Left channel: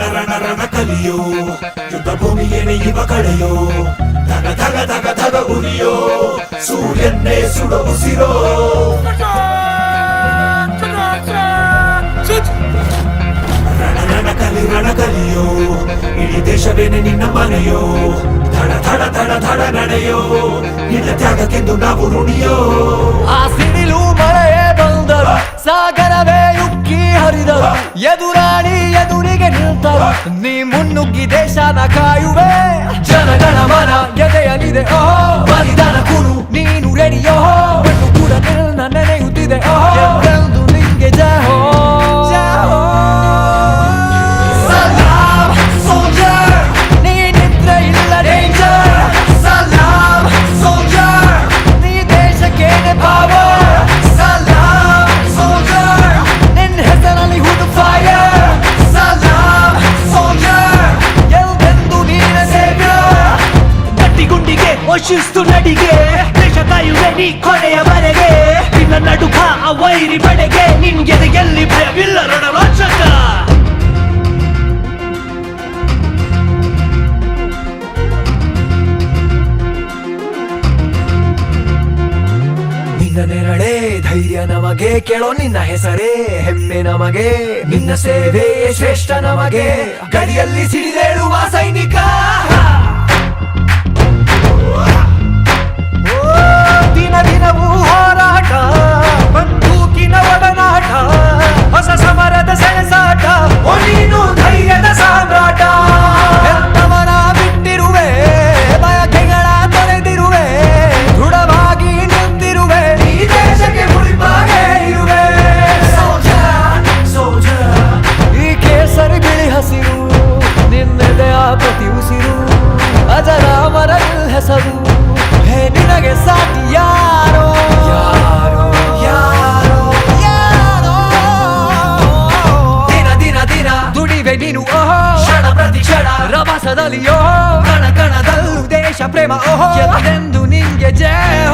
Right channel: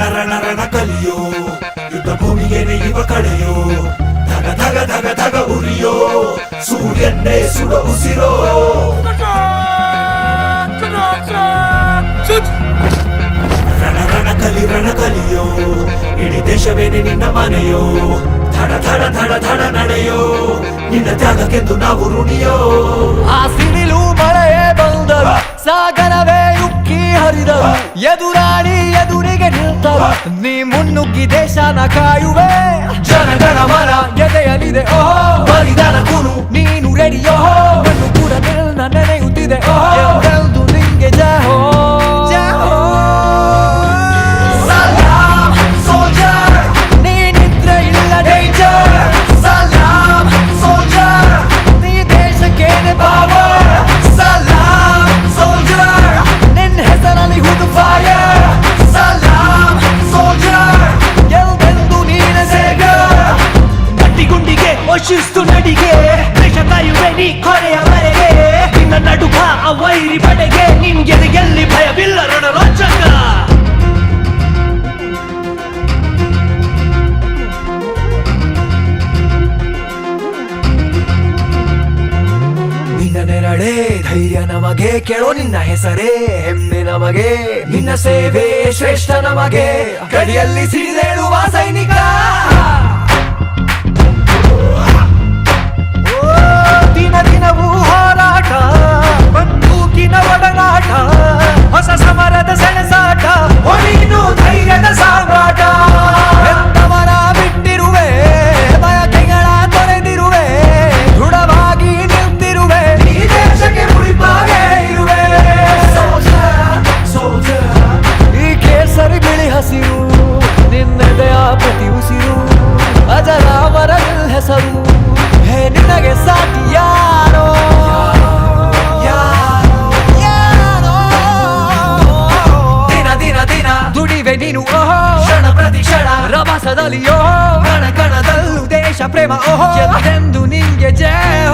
ರಣ ರಣ ಕಲಿಯೋ, ಯುದ್ಧ ಭೂಮಿಯೇನೆ ಇವ ಕಡೆಯೋ ಧಗ ಧಗ ಧಗ ಧಗ ಉರಿಯೋ, ಸೂರ್ಯನ್ನೇ ಸುಡ ಉಸಿರೋ. ರಣ ರಣ ಕಲಿ ರಣ ಕಲಿಯೋ, ಇಡೀ ದೇಶವೇನೆ ನಿನ್ನ ಮನೆಯೋ, ಧಡ ಧಡ ಧಡ ಧಡ ನಡೆಯೋ, ನಿನ್ನ ತ್ಯಾಗಕ್ಕೆಂದು ನಾವು ರುಣಿಯೋ ಆ ಎದುರಾಳಿ ಎದುರಿಗೆ ನಿಲ್ತರು. ನೀ ಮುನ್ನುಗ್ಗಿ ದೇಶನ ಕಾಯುವೆ. ಜನಗಣ ಮನ ಎದೆಯಲಿದೆ. ಓಹೋ, ಬಲಿದಾನ ಕುರು ನೀನು ರೆಡಿಯೋ. ಮಣ್ಣು ಕೂಡ ನಿನ್ನ ನೆನೆಯುತ್ತಿದೆ. ಓಹೋ ಶಿಸ್ತು ನಡಿಗೆ, ದೇಶ ಕಾಯುವೆ ನೀ ಕೊನೆಯವರೆಗೆ. ನಿನ್ನ ನಡುಕ ಆ ವೈರಿ ಬಡೆಗೆ ನಿನ್ಗೆ ಎಲ್ಲಿ ಭಯವಿಲ್ಲ ರಣರೋಚಕ. ನಿನ್ನ ನೆರಳೆ, ಧೈರ್ಯ ನಮಗೆ, ಕೇಳೋ ನಿನ್ನ ಹೆಸರೇ, ಹೆಮ್ಮೆ ನಮಗೆ. ನಿನ್ನ ಸೇವೆ ಶ್ರೇಷ್ಠ ನಮಗೆ. ಗಡಿಯಲ್ಲಿ ಸಿಡಿದೇಳುವ ಸೈನಿಕ. ಕೇಸರಿ ಬಿಳಿ ಆ ಪ್ರತಿ ಉಸಿರು ಅಜರಾಮರ ಹೆಸರು. ಹೇ ನಿನಗೆ ಸಾಟಿ ಯಾರೋ? ಯಾರೋ? ದಿನ ದಿನ ದಿನ. ದುಡಿವೆ ನೀನು ಓಹೋ. ಕ್ಷಣ ಪ್ರತಿ ಕ್ಷಣ. ರಭಸದಲ್ಲಿ ಓಹೋ. ಕಣ ಕಣದಲ್ಲೂ ದೇಶ ಪ್ರೇಮ ಓಹೋ. ಎಂದು ನಿಂಗೆ ಜಯ